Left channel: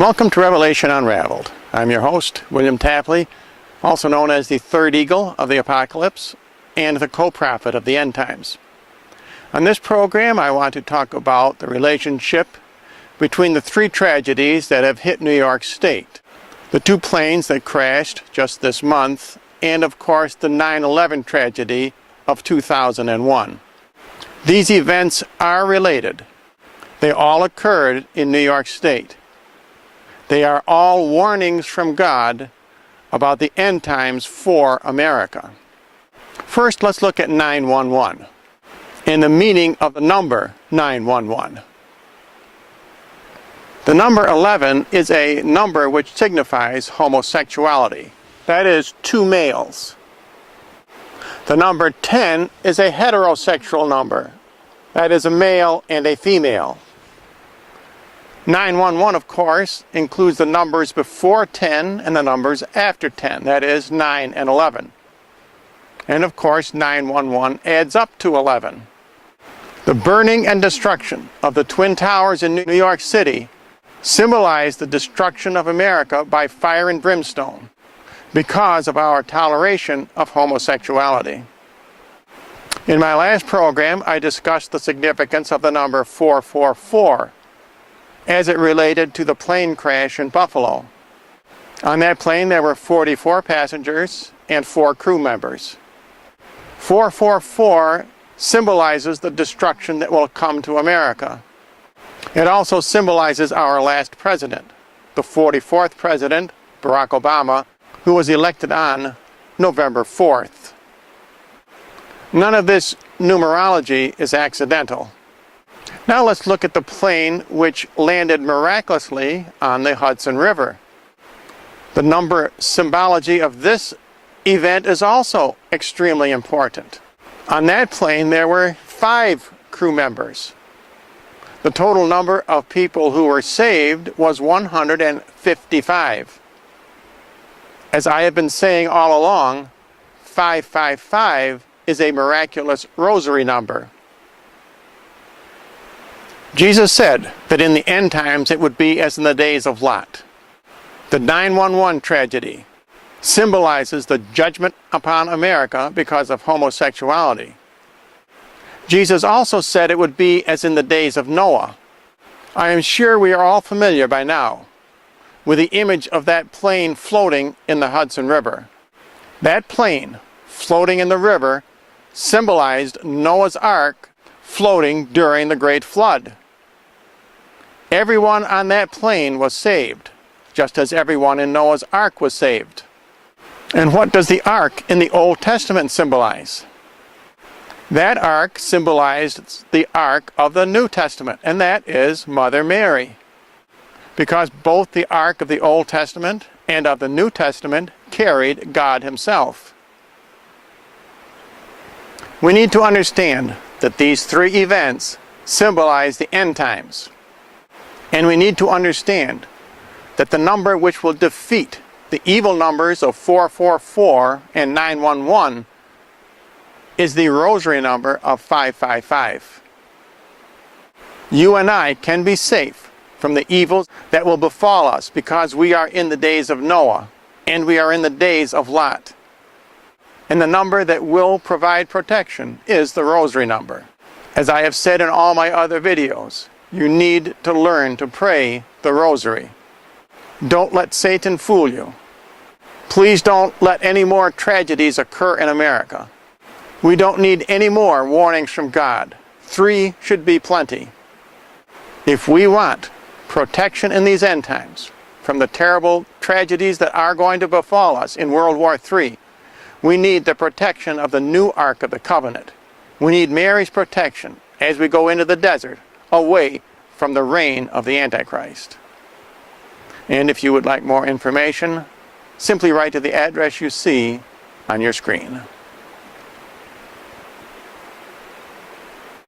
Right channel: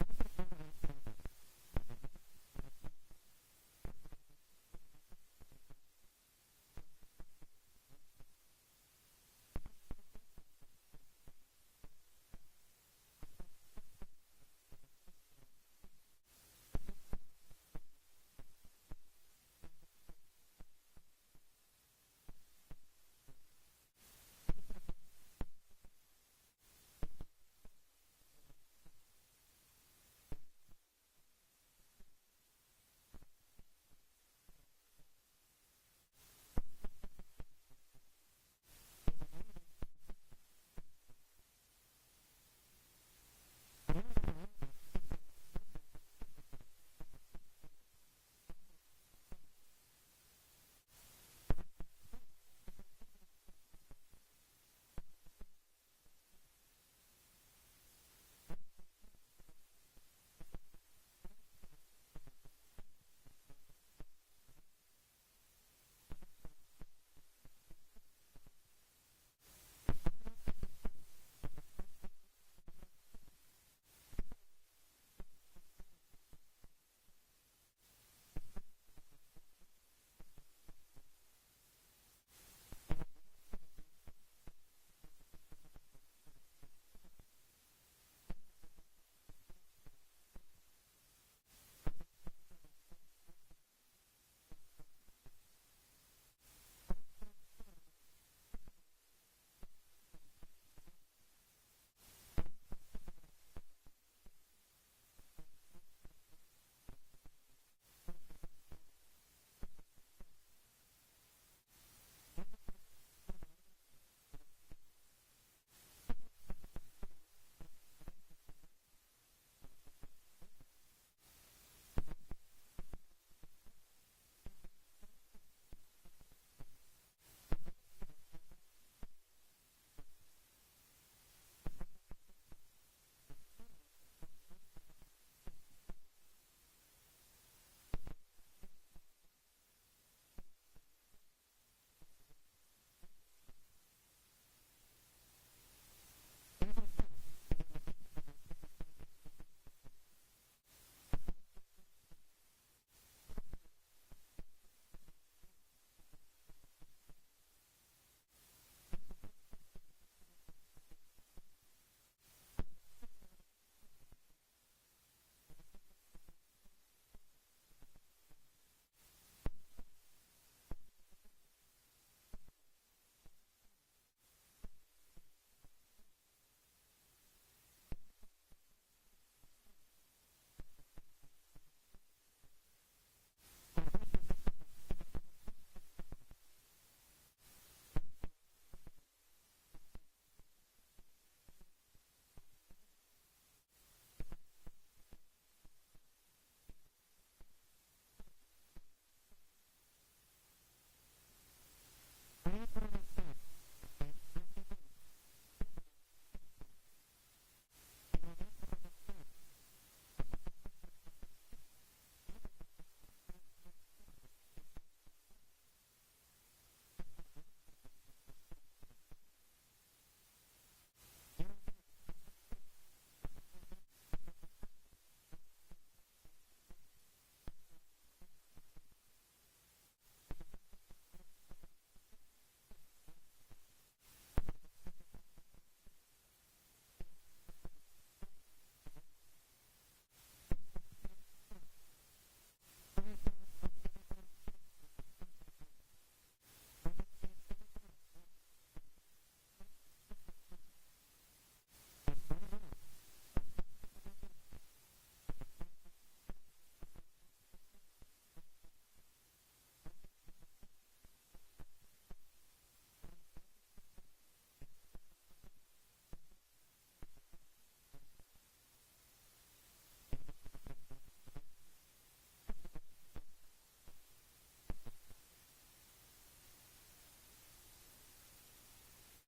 Welcome to Revelation Unraveled. I'm your host, William Tapley, also known as the third eagle of the apocalypse and the co-prophet of the end times. On this program, I want to talk about the relationship between the three tragedies that have hit New York State. The two planes that crashed just this month, and of course the 9/11 tragedy of 2001. These events are related. They all occurred in New York State. They are all warnings from God about the end times for America. First, let's look at 911 and the meaning of the number 911. The number 11 is a number which signifies homosexuality. That is, two males. The number 10 is a heterosexual number. That is, a male and a female. 911, of course, includes the numbers before 10 and the numbers after 10. That is, 9 and 11. And of course, 911 adds up to 11. The burning and destruction of the Twin Towers in New York City symbolized the destruction of America by fire and brimstone because of our toleration of homosexuality. In my last program, I discussed the significance of the number 444 as it related to the plane crash in Buffalo. On that plane, there were 44 passengers and 4 crew members. 444 symbolizes the destruction that will come to America. It also symbolizes our last president, the 44th president, Barack Obama, who was elected on November 4th. None of this numerology is accidental. Now let's look at the plane which landed miraculously on the Hudson River. The number symbology of this event is also extremely important. On that plane there were 5 crew members. The total number of people who were saved was 155. As I have been saying all along, 555 is a miraculous rosary number. Jesus said that in the end times it would be as in the days of Lot. The 911 tragedy symbolizes the judgment upon America because of homosexuality. Jesus also said it would be as in the days of Noah. I am sure we are all familiar by now with the image of that plane floating in the Hudson River. That plane floating in the river symbolized Noah's Ark floating during the Great Flood. Everyone on that plane was saved, just as everyone in Noah's Ark was saved. And what does the Ark in the Old Testament symbolize? That Ark symbolized the Ark of the New Testament, and that is Mother Mary. Because both the Ark of the Old Testament and of the New Testament carried God Himself. We need to understand that these three events symbolize the end times. And we need to understand that the number which will defeat the evil numbers of 444 and 911 is the rosary number of 555. You and I can be safe from the evils that will befall us because we are in the days of Noah and we are in the days of Lot. And the number that will provide protection is the rosary number. As I have said in all my other videos, you need to learn to pray the rosary. Don't let Satan fool you. Please don't let any more tragedies occur in America. We don't need any more warnings from God. 3 should be plenty. If we want protection in these end times from the terrible tragedies that are going to befall us in World War III, we need the protection of the new Ark of the Covenant. We need Mary's protection as we go into the desert, away from the reign of the Antichrist. And if you would like more information, simply write to the address you see on your screen.